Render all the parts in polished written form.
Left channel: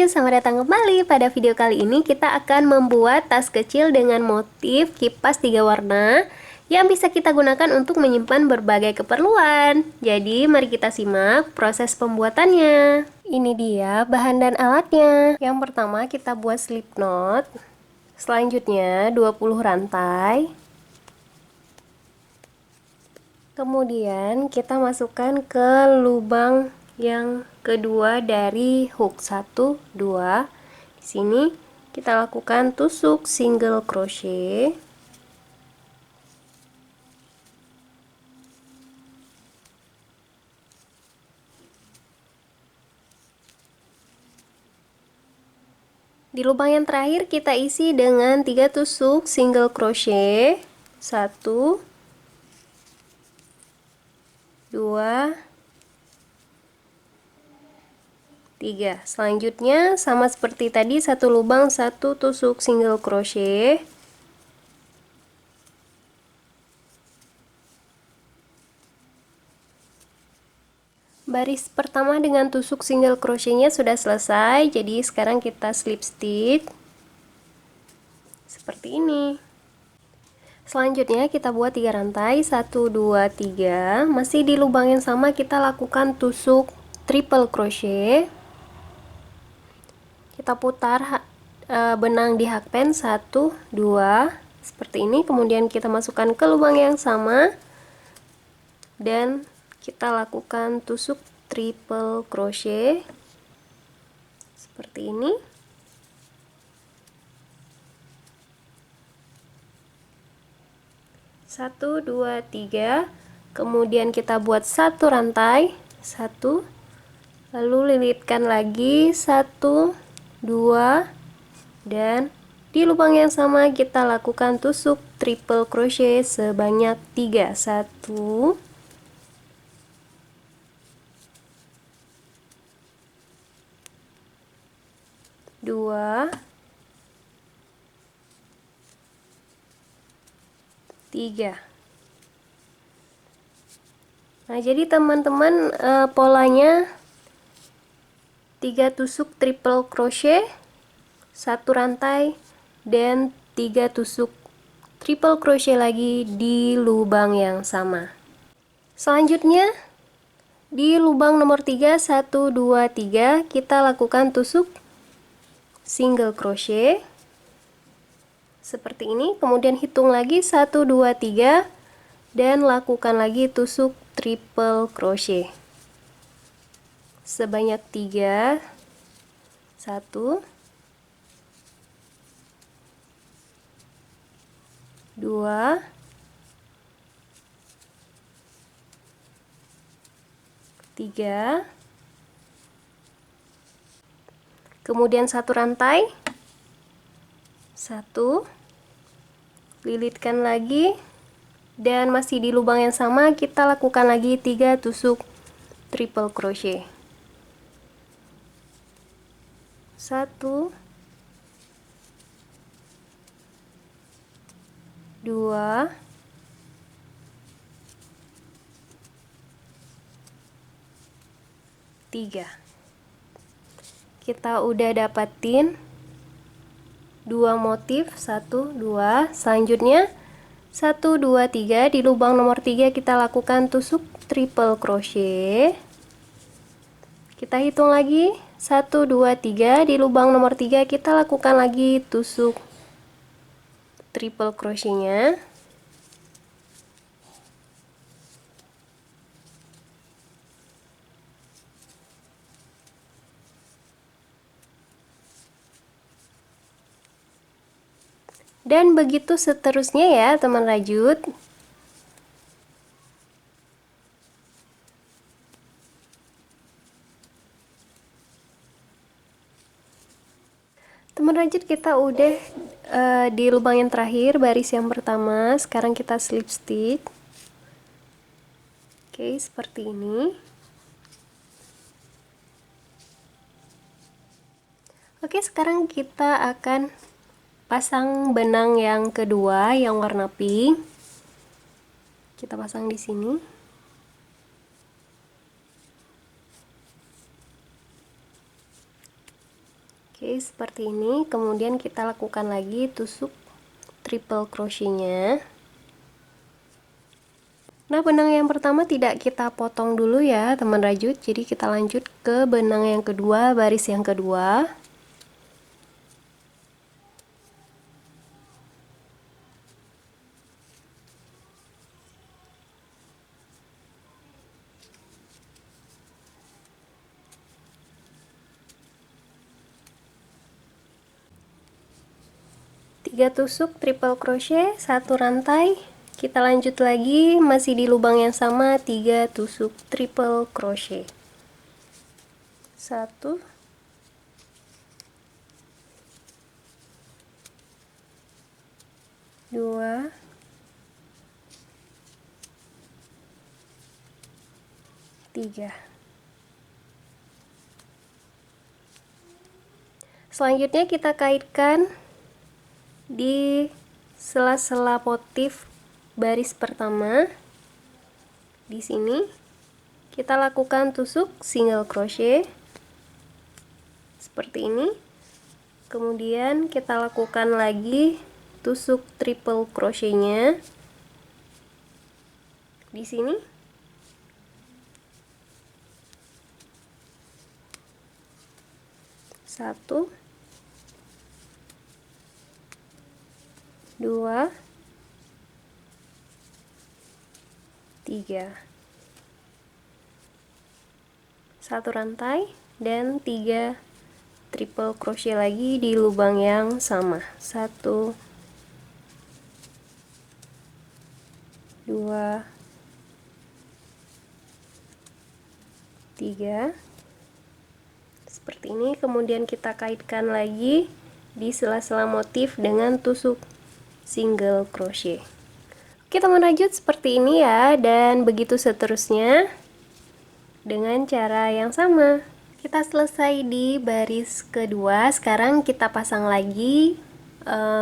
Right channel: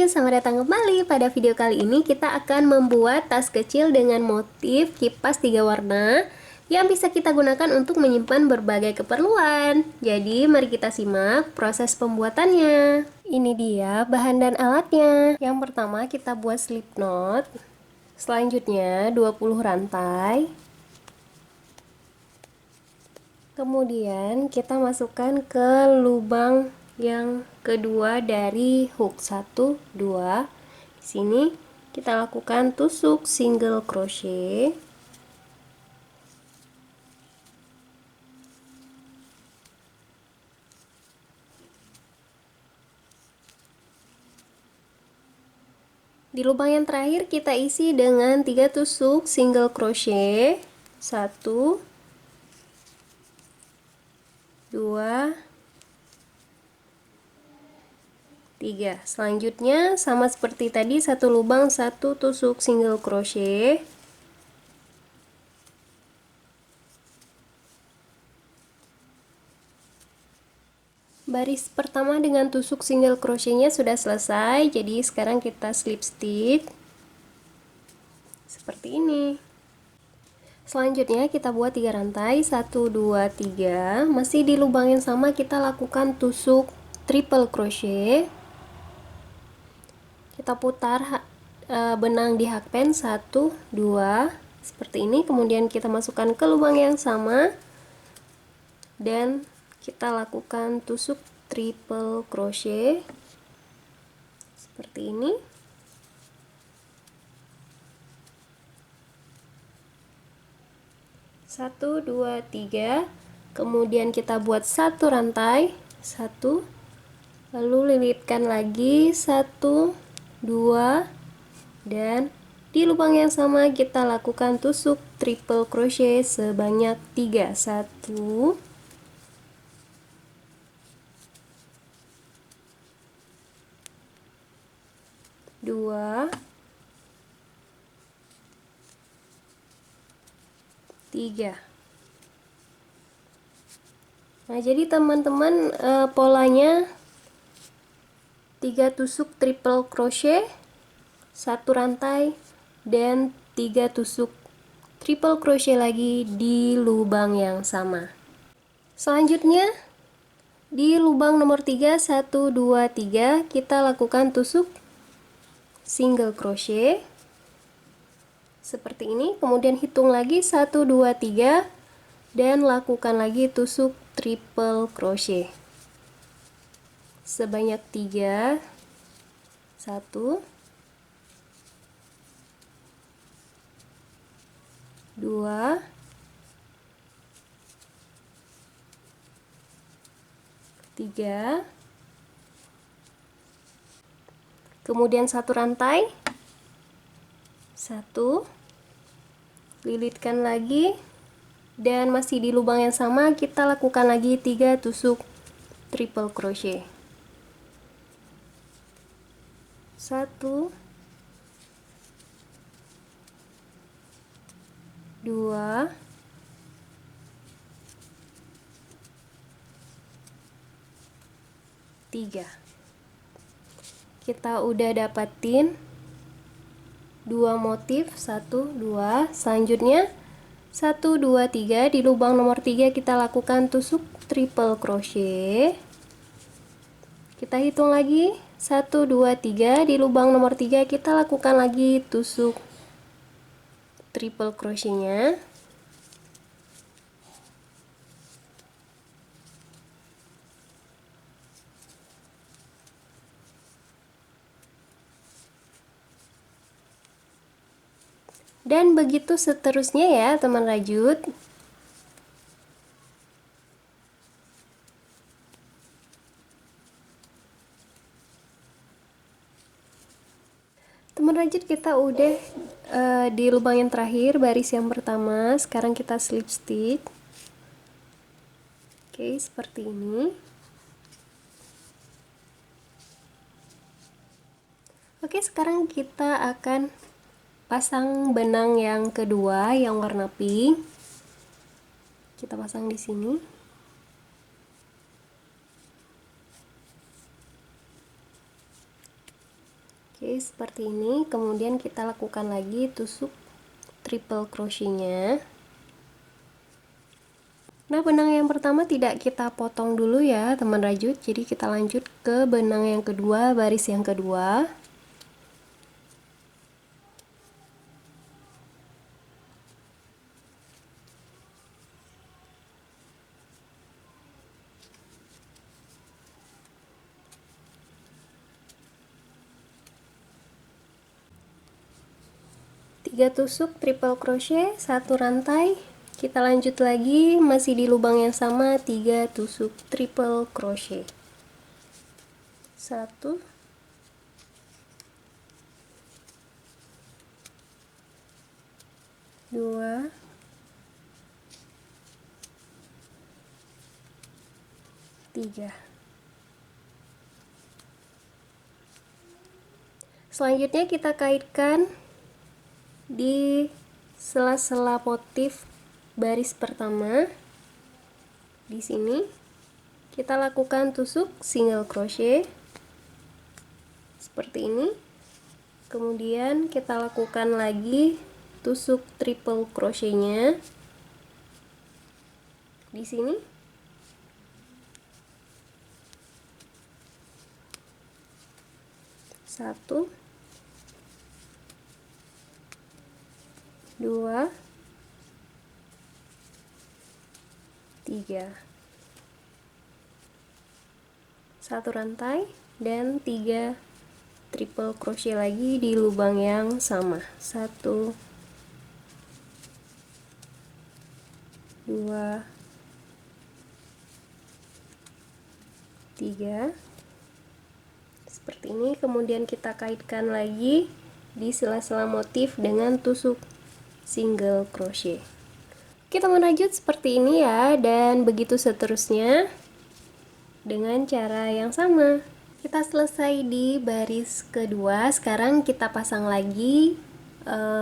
Rayu, selamat datang kembali. Pada video kali ini kita akan membuat tas kecil dengan motif kipas 3 warna yang bisa kita gunakan untuk menyimpan berbagai keperluan. Jadi mari kita simak proses pembuatannya. Ini dia bahan dan alatnya. Yang pertama kita buat slip knot. Selanjutnya 20 rantai. Kemudian kita masukkan ke lubang yang kedua dari hook 1, 2. Di sini kita lakukan tusuk single crochet. Di lubang yang terakhir kita isi dengan 3 tusuk single crochet. 1, 2, 3. Selanjutnya sama seperti tadi, satu lubang 1 tusuk single crochet. Baris pertama dengan tusuk single crochetnya sudah selesai, jadi sekarang kita slip stitch seperti ini. Selanjutnya kita buat 3 rantai, 1, 2, 3. Masih di lubang yang sama kita lakukan tusuk triple crochet. Kita putar benang di hakpen 1, 2 seperti ini, kemudian kita masukkan ke lubang yang sama dan kita lakukan tusuk triple crochet seperti ini. Satu, dua, tiga. Kemudian kita buat satu rantai, 1, lalu lilitkan lagi 1, 2, dan di lubang yang sama kita lakukan tusuk triple crochet sebanyak 3. 1, 2, 3. Nah, jadi teman-teman, polanya 3 tusuk triple crochet, 1 rantai, dan 3 tusuk triple crochet lagi di lubang yang sama. Selanjutnya di lubang nomor 3, 1, 2, 3 kita lakukan tusuk single crochet seperti ini, kemudian hitung lagi 1, 2, 3 dan lakukan lagi tusuk triple crochet sebanyak 3. 1, 2, 3, kemudian satu rantai, 1, lilitkan lagi, dan masih di lubang yang sama kita lakukan lagi 3 tusuk triple crochet. 1, 2, 3. Kita udah dapatin 2 motif, 1, 2. Selanjutnya 1, 2, 3. Di lubang nomor 3 kita lakukan tusuk triple crochet. Kita hitung lagi 1, 2, 3. Di lubang nomor 3 kita lakukan lagi tusuk triple crochetnya. Dan begitu seterusnya ya teman rajut. Teman rajut, kita udah di lubang yang terakhir, baris yang pertama. Sekarang kita slip stitch. Oke, seperti ini. Oke, sekarang kita akan pasang benang yang kedua yang warna pink. Kita pasang di sini. Oke, seperti ini. Kemudian kita lakukan lagi tusuk triple crochetnya. Nah, benang yang pertama tidak kita potong dulu ya teman rajut, jadi kita lanjut ke benang yang kedua, baris yang kedua. Tiga tusuk triple crochet, satu rantai. Kita lanjut lagi, masih di lubang yang sama, 3 tusuk triple crochet. 1 2 3. Selanjutnya kita kaitkan di sela-sela motif baris pertama. Di sini kita lakukan tusuk single crochet seperti ini. Kemudian kita lakukan lagi tusuk triple crochetnya di sini. Satu, 2, 3. Satu rantai dan 3 triple crochet lagi di lubang yang sama. 1 2 3 seperti ini. Kemudian kita kaitkan lagi di sela-sela motif dengan tusuk single crochet. Oke teman rajut, seperti ini ya, dan begitu seterusnya dengan cara yang sama. Kita selesai di baris kedua. Sekarang kita pasang lagi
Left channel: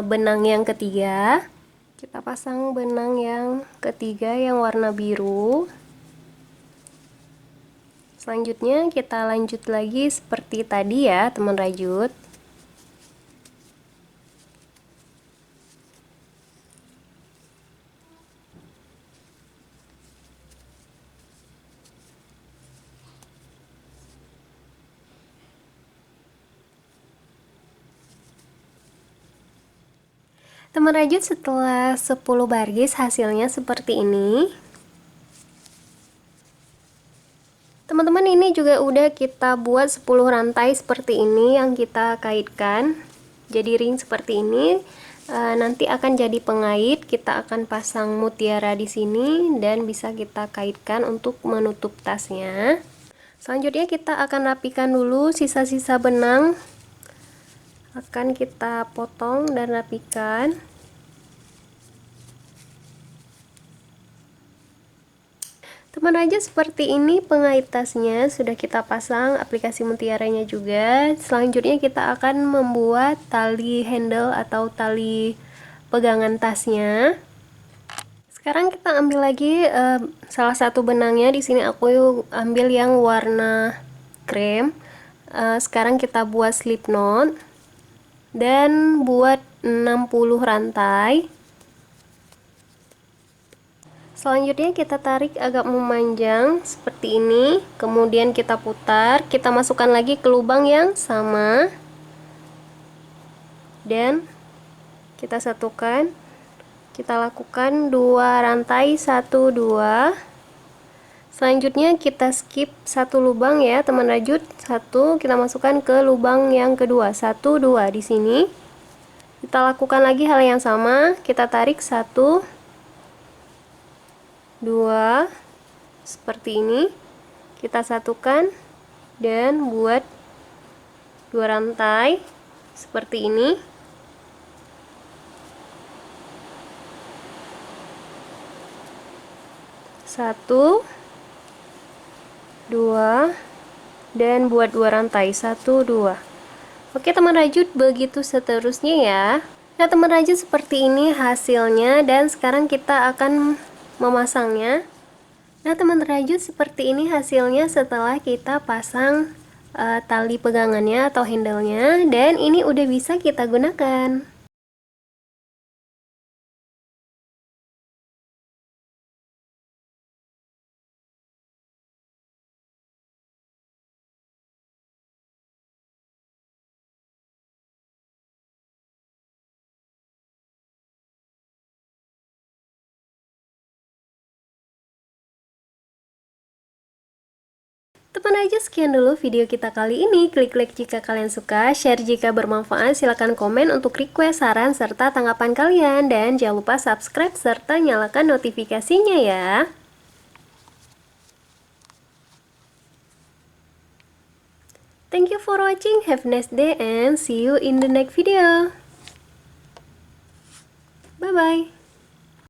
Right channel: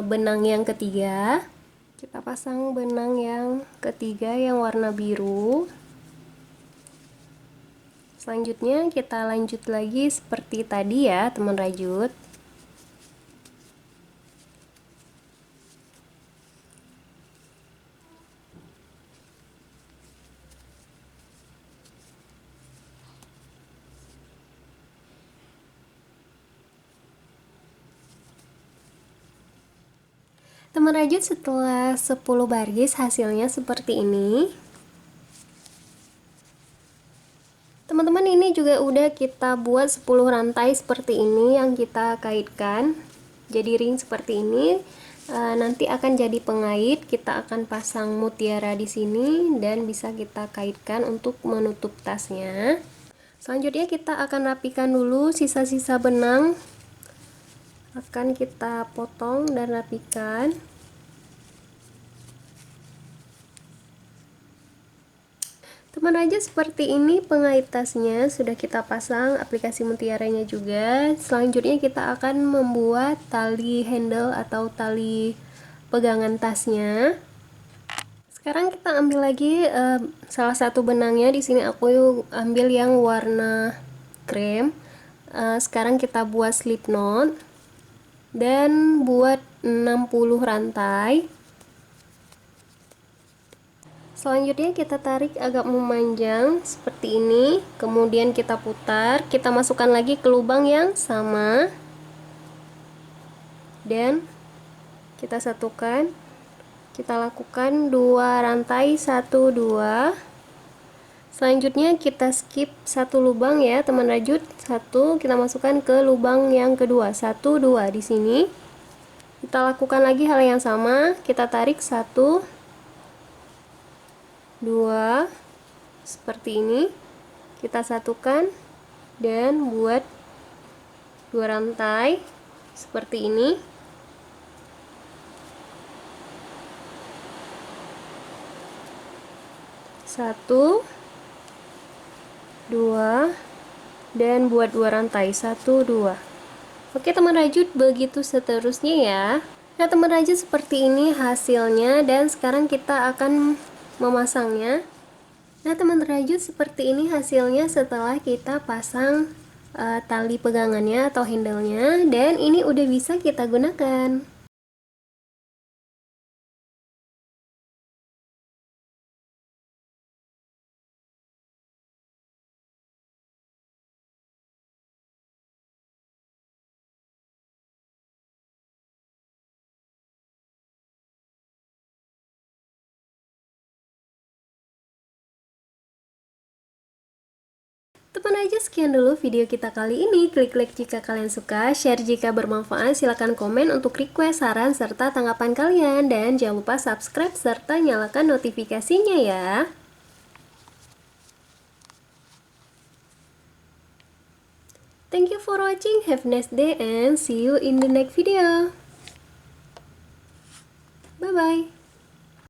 benang yang ketiga. Kita pasang benang yang ketiga yang warna biru. Selanjutnya kita lanjut lagi seperti tadi ya teman rajut. Teman rajut, setelah 10 baris hasilnya seperti ini. Teman-teman, ini juga udah kita buat 10 rantai seperti ini yang kita kaitkan. Jadi ring seperti ini. Nanti akan jadi pengait, kita akan pasang mutiara di sini dan bisa kita kaitkan untuk menutup tasnya. Selanjutnya kita akan rapikan dulu sisa-sisa benang. Akan kita potong dan rapikan. Teman rajut, seperti ini pengait tasnya sudah kita pasang aplikasi mutiaranya juga. Selanjutnya kita akan membuat tali handle atau tali pegangan tasnya. Sekarang kita ambil lagi salah satu benangnya. Di sini aku ambil yang warna krem. Sekarang kita buat slip knot dan buat 60 rantai. Selanjutnya kita tarik agak memanjang seperti ini, kemudian kita putar, kita masukkan lagi ke lubang yang sama dan kita satukan. Kita lakukan 2 rantai, 1 2. Selanjutnya kita skip satu lubang ya teman rajut. 1 kita masukkan ke lubang yang kedua, 1 2 di sini. Kita lakukan lagi hal yang sama, kita tarik 1 2 seperti ini, kita satukan dan buat 2 rantai seperti ini. Satu, 2 dan buat 2 rantai, 1 2. Oke teman rajut, begitu seterusnya ya. Nah teman rajut, seperti ini hasilnya dan sekarang kita akan memasangnya. Nah teman rajut, seperti ini hasilnya setelah kita pasang tali pegangannya atau handle-nya, dan ini udah bisa kita gunakan. Teman aja, sekian dulu video kita kali ini. Klik like jika kalian suka, share jika bermanfaat, silahkan komen untuk request, saran, serta tanggapan kalian. Dan jangan lupa subscribe serta nyalakan notifikasinya ya. Thank you for watching, have a nice day and see you in the next video. Bye bye.